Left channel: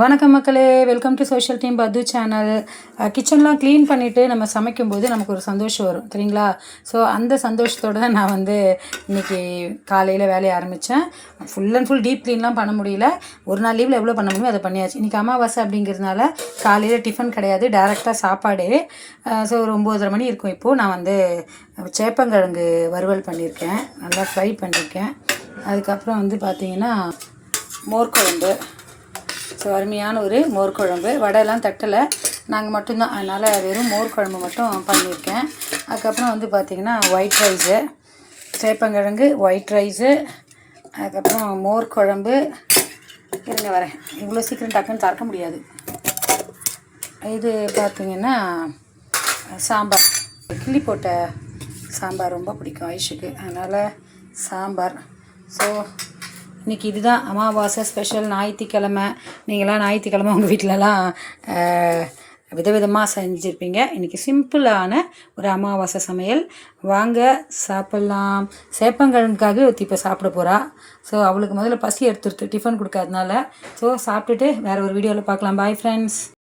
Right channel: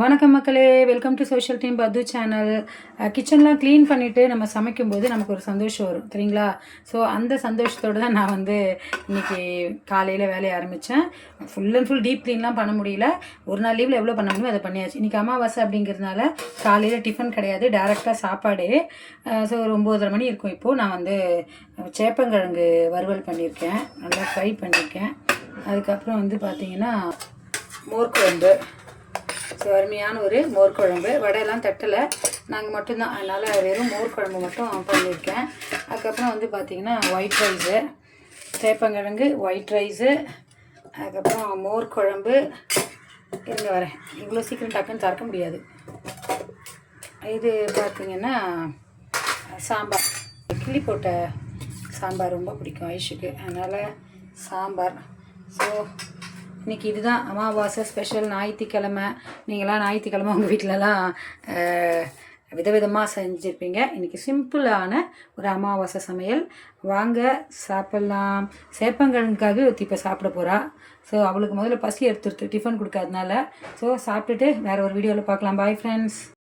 வணக்கம் மக்களே, welcome to social team பத்து சேனல். கிச்சன்லாம் க்ளீன் பண்ணிவிட்டு நம்ம சமைக்கும்போது நமக்கு ஒரு சந்தோஷம் வரும் சரிங்களா. ஸோ அந்த சந்தோஷத்தோடு தான் நான் இன்றைக்கி காலையில் வேலையை ஆரம்பித்தேன். ஃபுல் அண்ட் ஃபுல் டீப் க்ளீன்லாம் பண்ண முடியல. ஒரு நாள் லீவில் எவ்வளோ பண்ண முடியுமோ அதை பண்ணியாச்சு. இன்றைக்கி அமாவாசை அப்படிங்கிறதுனால காலையில் டிஃபன் கிடையாது, டேரெக்டாக சாப்பாடு. ஸோ ஒரு 9:30 மணி இருக்கும். இப்போது நான் சேப்பங்கிழங்கு வறுவல் பண்ணியிருக்கேன், நல்லா ஃப்ரை பண்ணியிருக்கேன். அதுக்கப்புறம் பார்த்திங்கன்னா மோர் குழம்பு. ஸோ அருமையான ஒரு மோர் குழம்பு. வடையெல்லாம் தட்டலை, நாங்கள் மட்டும்தான், அதனால் வெறும் மோர் குழம்பு மட்டும் பண்ணியிருக்கேன். அதுக்கப்புறம் பார்த்திங்கன்னா ஒயிட் ரைஸு, சேப்பங்கிழங்கு, ஒயிட் ரைஸு, அதுக்கப்புறம் மோர் குழம்பு. இருங்க வரேன், இவ்வளோ சீக்கிரம் டக்குன்னு திறக்க முடியாது. இது பார்த்திங்கன்னா சாம்பார், கிள்ளி போட்ட சாம்பார் ரொம்ப பிடிக்கும் ஐஷுக்கு, அதனால் சாம்பார். ஸோ இன்றைக்கி இதுதான் அமாவாசை ஸ்பெஷல். ஞாயிற்றுக்கிழமை, நீங்களாம் ஞாயிற்றுக்கிழமை உங்கள் வீட்டிலலாம் விதவிதமாக செஞ்சுருப்பீங்க. இன்றைக்கி சிம்பிளான ஒரு அமாவாசை சமையல். வாங்க சாப்பிட்லாம். சேப்பங்கிழங்குக்காக ஒருத்தி இப்போ சாப்பிட போகிறா. ஸோ அவளுக்கு முதல்ல பசி எடுத்துருது டிஃபன் கொடுக்காதனால. ஸோ சாப்பிட்டுட்டு வேறு ஒரு வீடியோவில் பார்க்கலாம். Bye friends.